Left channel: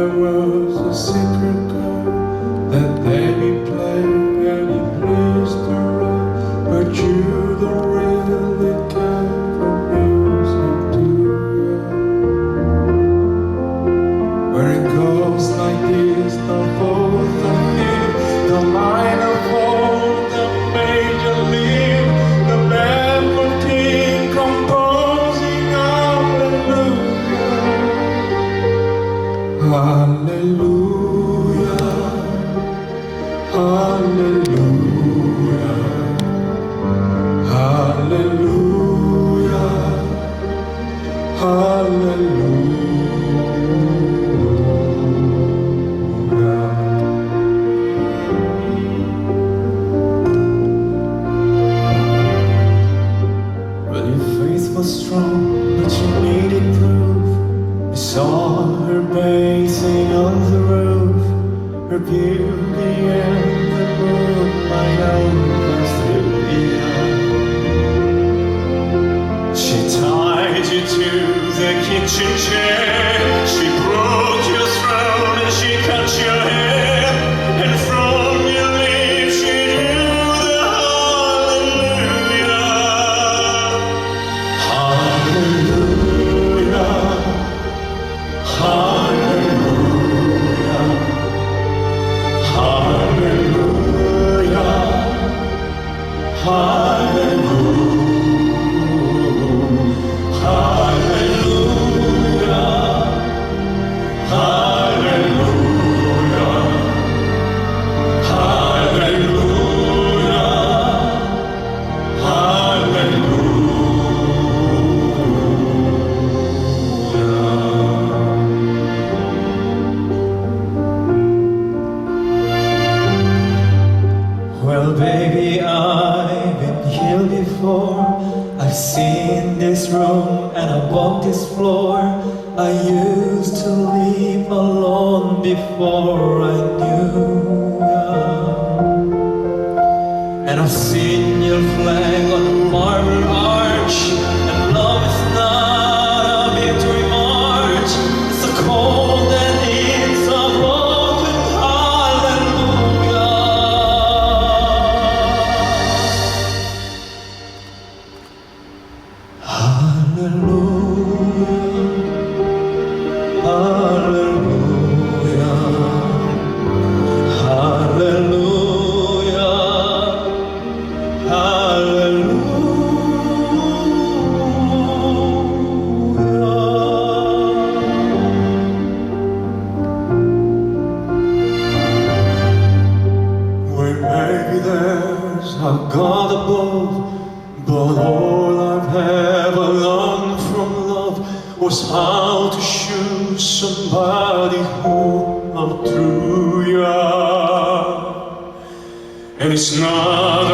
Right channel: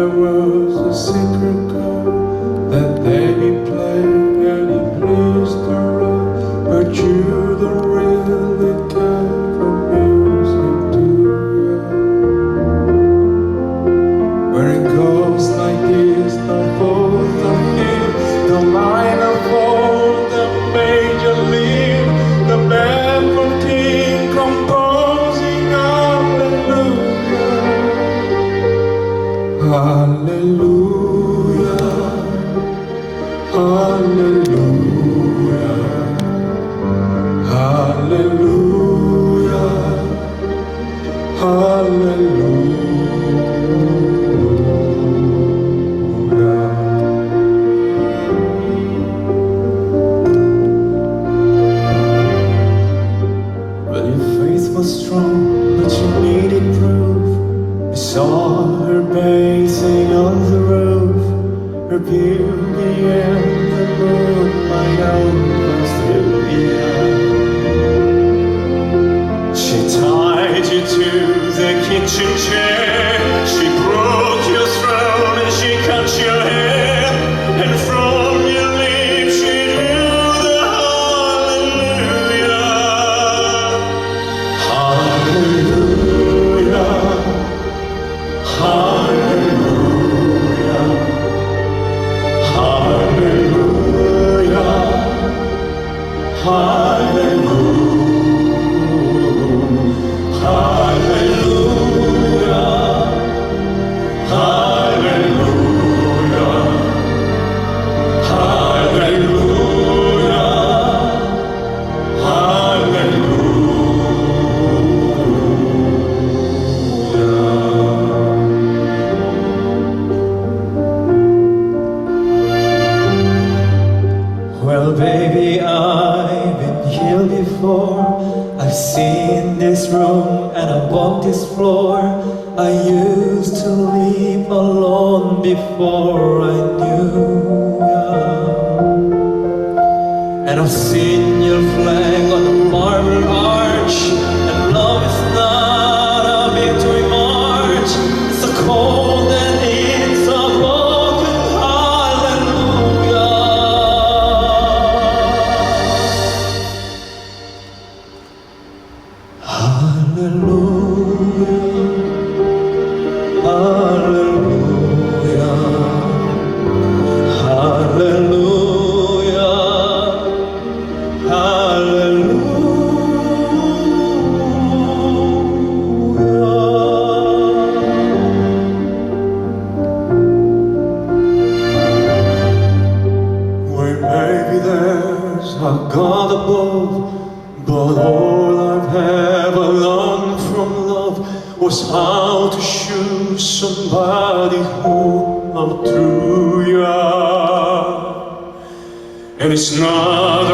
there was a secret chord that they played and it pleased the right, but you don't really care for music, do you? Where it goes like this, the fourth, the fifth, the minor fall, the major lead, the baffled king composing hallelujah, hallelujah, hallelujah, hallelujah, hallelujah. Well, your faith was strong, but you needed proof. You saw her bathing on the roof, her beauty and the moonlight overthrew you. She tied you to the kitchen chair, she broke your throne and she cut your hair, and from your lips she drew the hallelujah, hallelujah, hallelujah, hallelujah, hallelujah, hallelujah, well, baby, I've been here before. I've seen this room and I walked this floor. I used to live alone before I knew ya. And I've seen your flag on the marble arch. And love is not a victory march. It's a cold and it's a broken hallelujah. Hallelujah, hallelujah, hallelujah, hallelujah. Well, maybe there's a God above, but all I've ever learned from love was how to choose somebody who outdrew ya. And it's not